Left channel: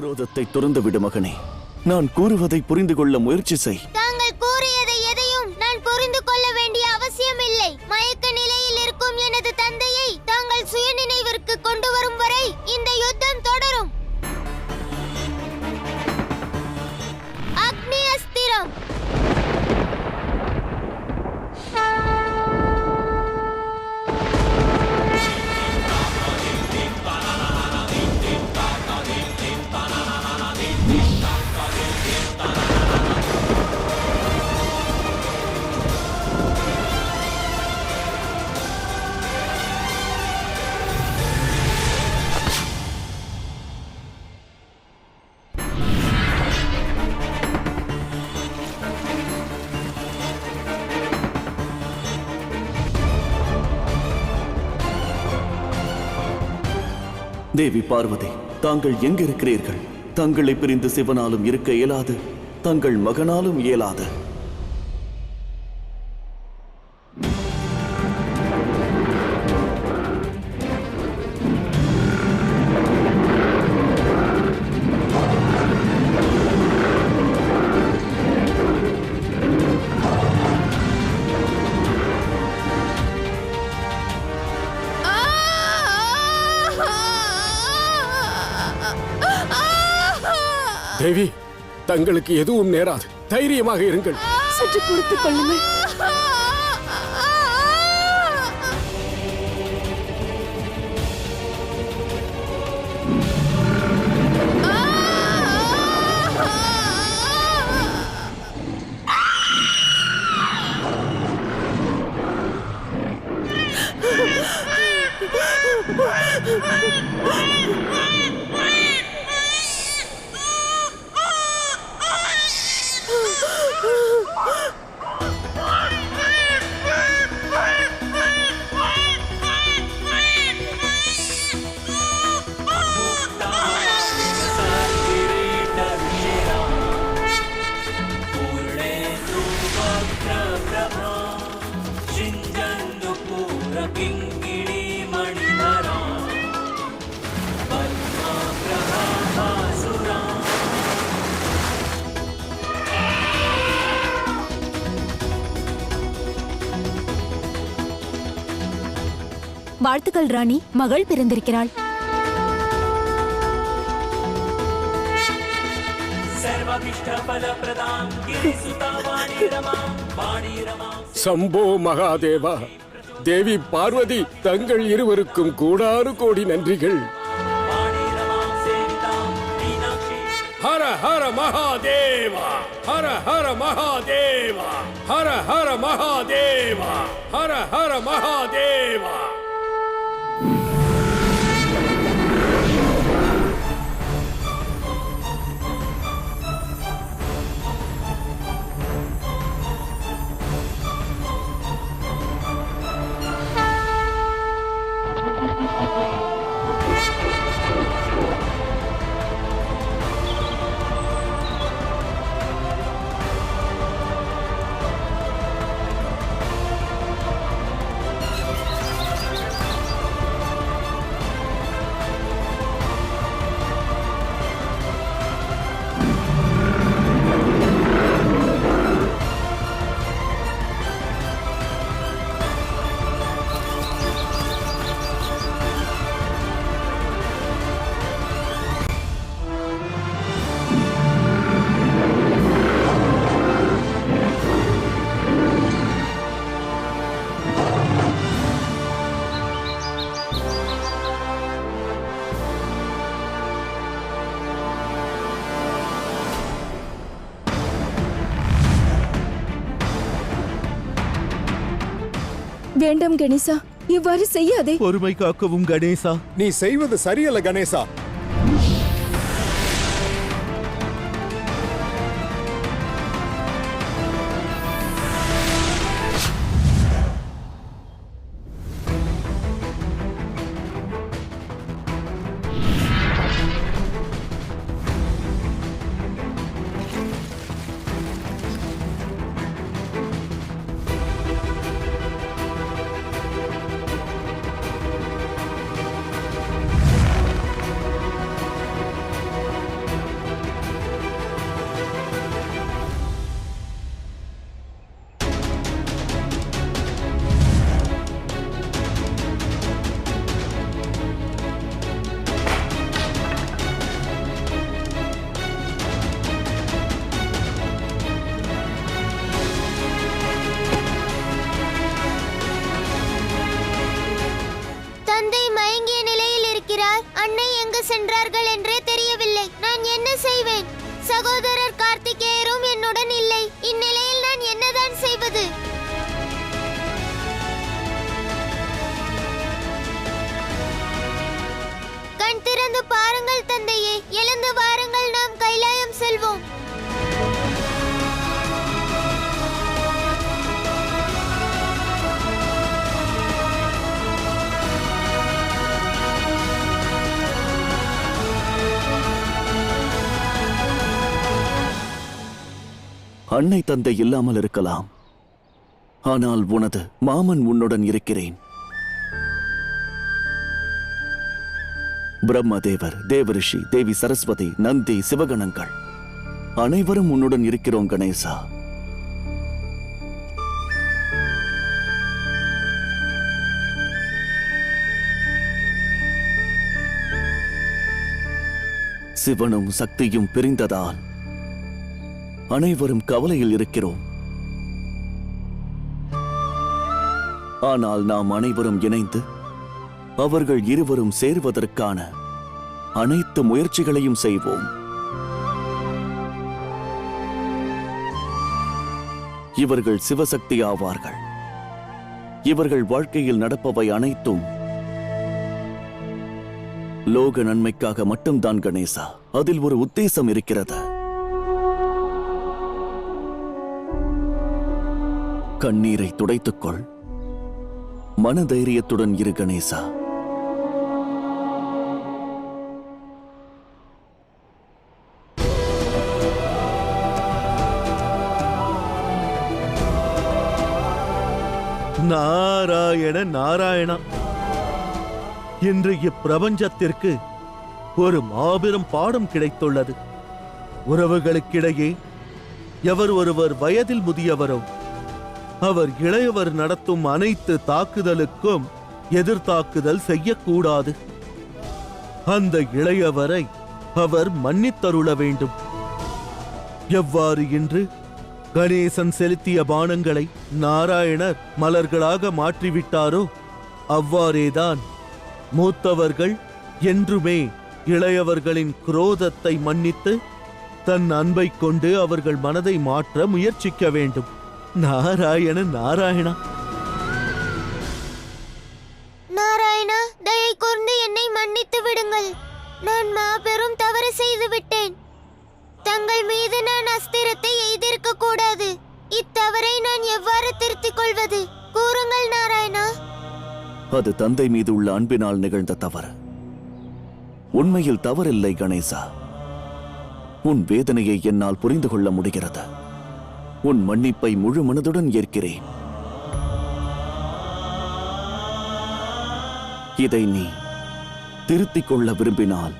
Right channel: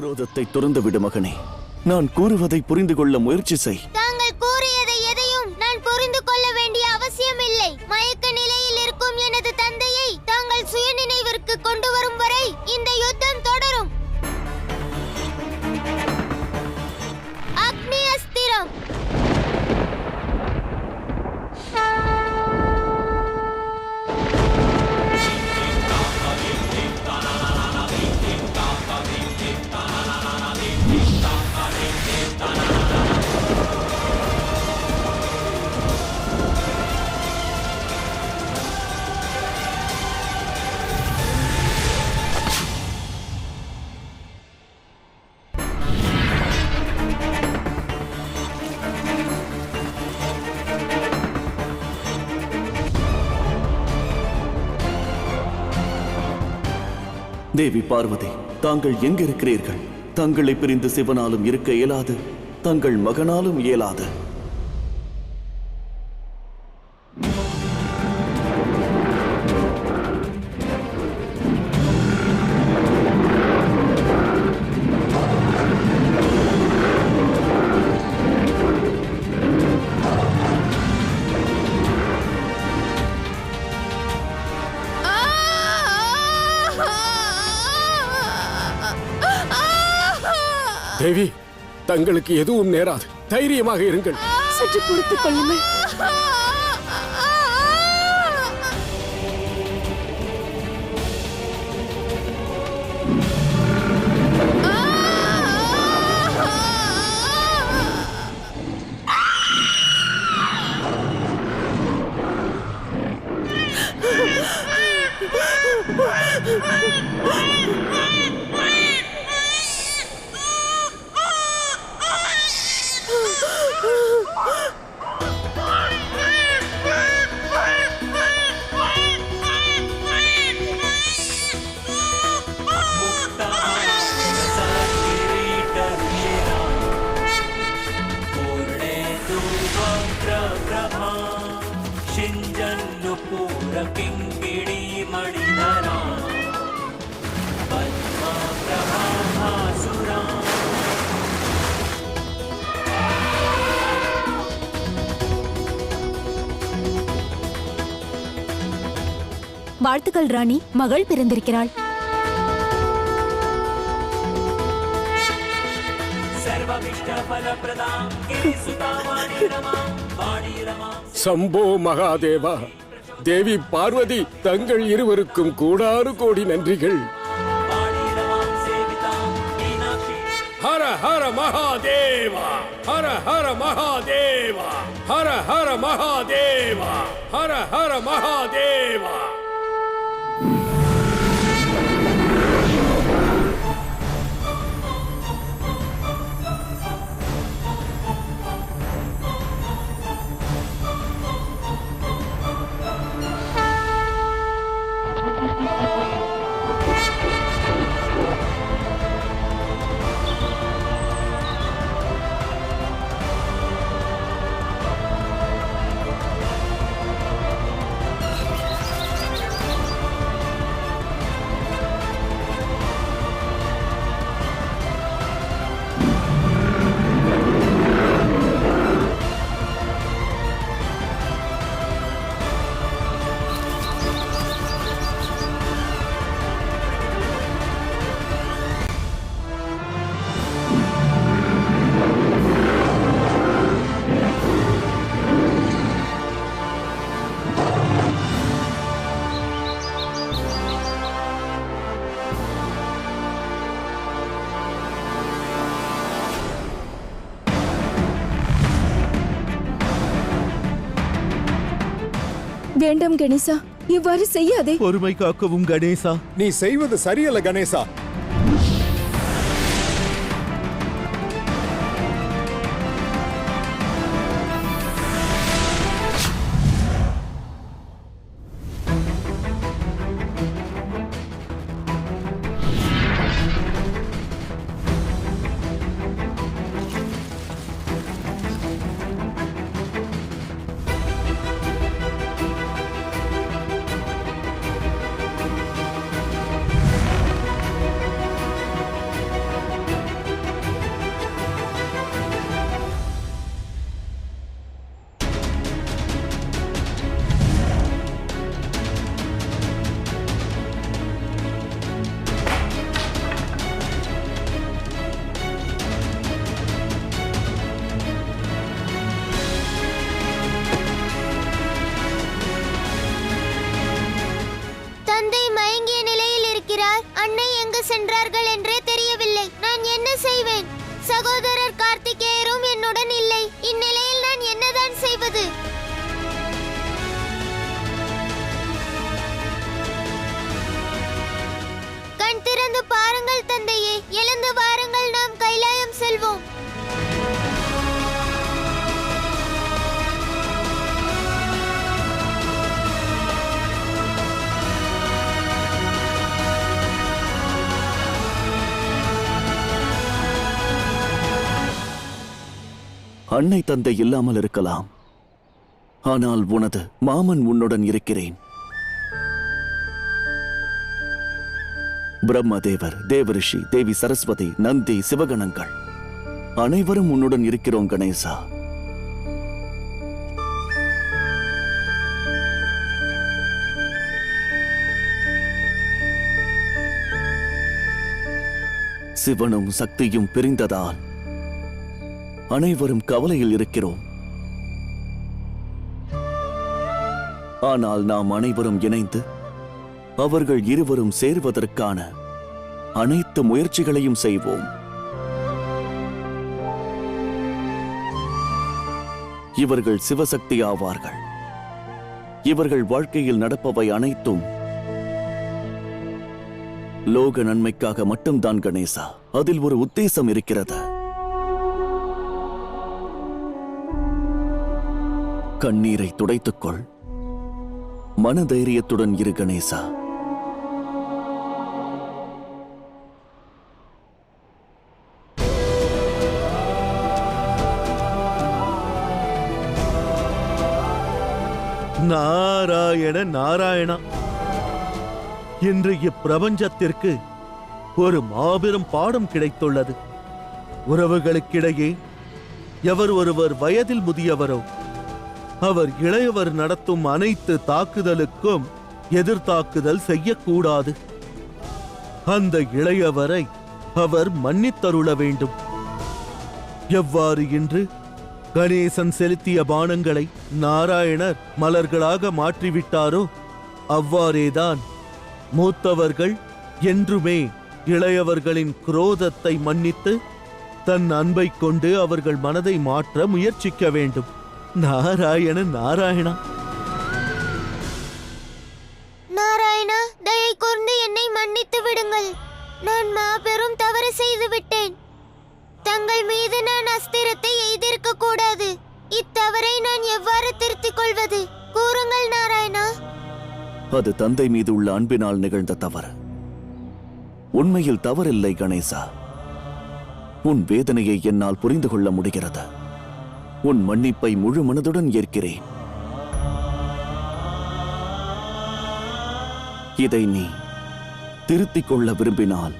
குரோதத்தை துறந்து விடு மகனே. நான் கூறுவதை புரிந்து கொள்ள முயற்சி செய். தாங்கள் கூறியதை எதையும் நான் புரிந்து கொள்ள வேண்டிய அவசியமில்லை. மயக்க நிலையில் இருக்கும் எனது தந்தையை தாங்கள் சுயநினைவிற்கு கொண்டு வரும் வரை இந்த யுத்தம் தொடரும். அக்னி அஸ்திரம். தேவி பார்வதி, தாங்கள் எங்கிருக்கிறீர்கள்? தங்களை பிரிந்து சிவனாலும் இருக்க இயலாது, தங்கள் மகனாலும் இயலாது. தேவி, தங்களுக்கு எதுவும் நேராது. தைரியமாக இருங்கள். சற்று பொறுத்துக் கொள்ளுங்கள். வாழ்த்துக்கள் ராணி, மகள் பிறந்திருக்கிறாள். சம்போ மகாதேவா. தேவி பார்வதி, தங்கள் இருவருக்கும் கோடானு கோடி நன்றிகள். ஹர ஹர மகாதேவா, ஹர ஹர மகாதேவா, ஹர ஹர மகாதேவா, ஹர ஹர மகாதேவா. வேண்டாம் கணேசா, இவ்வாறு செய்யாதே. பொறுமை காக்கவும் கணேசா. நீ செய்வது சரியல்ல கணேசா. அன்னை எங்கு சென்றார்கள் என்றே தெரியவில்லை. நான் என்ன செய்வேன்? சகோதரர் கார்த்திகேயரும் என்னுடன் இல்லை. இந்நிலையில் நான் என்னதான் செய்வது? கண் திறந்து பாருங்கள் தந்தையே, எழுந்து வாருங்கள், நாம் கைலாயம் செல்வோம். அன்னை தந்தை இல்லாமல் இருக்கலாம், ஆனால் உனது மாமன் உன்னுடன் இருக்கிறேன். பிரம்மதேவர், தேவரிஷி, தேவி சரஸ்வதி, நந்தி, சிவகணங்கள் அனைவரும் உன்னுடன் இருக்கிறோம் கணேசா. சிவனும் சக்தியும் பிரிந்ததால் அனைவரும் கவலையில் இருக்கிறோம். ஆனால் நாம் அனைவரும் இணைந்து அவர்கள் இருவரும் சேர்வதற்கான அனைத்து முயற்சிகளையும் செய்வோம். இவர்கள் சிவசக்தி ஆவார்கள். இவர்கள் வாழ்க்கையில் நடப்பவை அனைத்தும் லோக நன்மைக்காக மட்டும்தான் கணேசா. அதில் ஒரு உத்தேசம் இருக்கிறது. கண்ணீரை துடைத்துக்கொள், மனதைரியத்துடன் இரு கணேசா. நாராயண நாராயணா. இன்று இப்பிரபஞ்சத்திற்கு ஒரு மாபெரும் பாடம் கிடைத்துள்ளது. உறவுகளுக்கிடையே எவர் ஒருவர் வயதில் முதியவரோ அவர் இளையவர் நடத்தும் அனைத்து தாக்குதலுக்கும் எதிர்த்தாக்குதல் செய்யக்கூடாது. அந்த இளையவரை அவர் மன்னித்தருள வேண்டும். எவ்வாறு இன்று கணேசன் செலுத்திய பானங்களை நாராயணர் மலர்களாக மாற்றிவிட்டாரோ அவ்வாறேதான் மூத்தவர்கள் என்றுமே இளையவர்களின் குரோதத்தை மன்னித்து தன் அன்பை கொண்டு அவர்கள் மனதை மாற்ற முயற்சிக்க வேண்டும். நாராயண நாராயணா. நாராயணா, தயை கூர்ந்து என்னை மன்னித்து விடுங்கள். நான் மாபெரும் தவறு செய்து விட்டேன். தங்கள் மீது நான் அஸ்திரத்தை எய்திருக்க கூடாது. இத்தவறை நான் எவ்வாறு திருத்திக் கொள்வது? கூறுங்கள் நாராயணா. அது தந்தை மீது உள்ள அன்பினால் நிகழ்ந்த தவறு. உண்மையில் தவறில்லை கணேசா. உன் வேதனையை என்னால் புரிந்து கொள்ள முடிகிறது. உன் மன்னிப்பை முழு மனதுடன் ஏற்கிறேன். இதை நீ திருத்திக் கொள்ள விரும்பினால்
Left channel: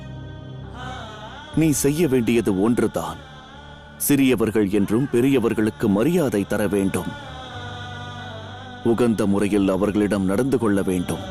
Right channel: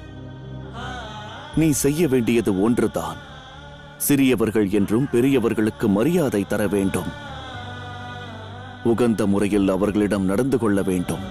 நீ செய்ய வேண்டியது ஒன்றுதான். சிறியவர்கள் என்றும் பெரியவர்களுக்கு மரியாதை தர வேண்டும். உகந்த முறையில் அவர்களிடம் நடந்து கொள்ள வேண்டும்.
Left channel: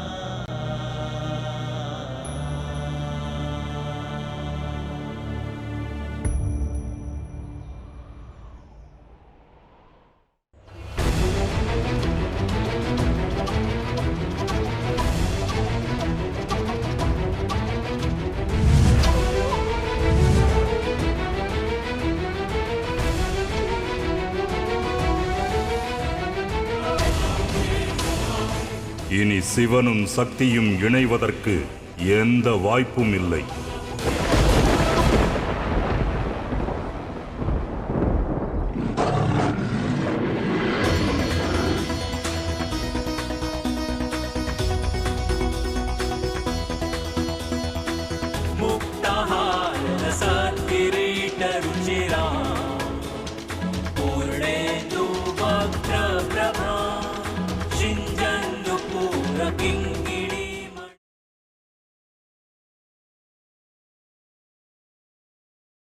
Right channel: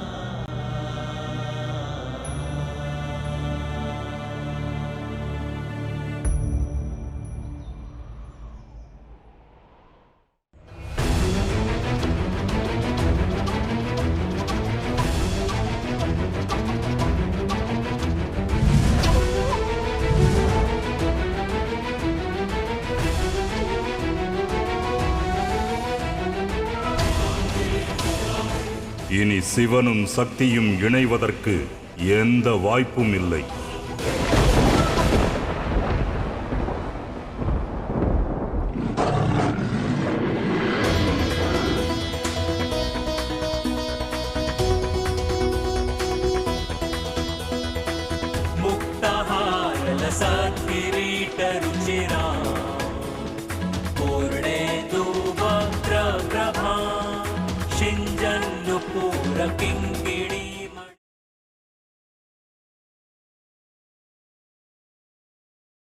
இனி சிவனும் சக்தியும் இணைவதற்கு எந்த வாய்ப்பும் இல்லை.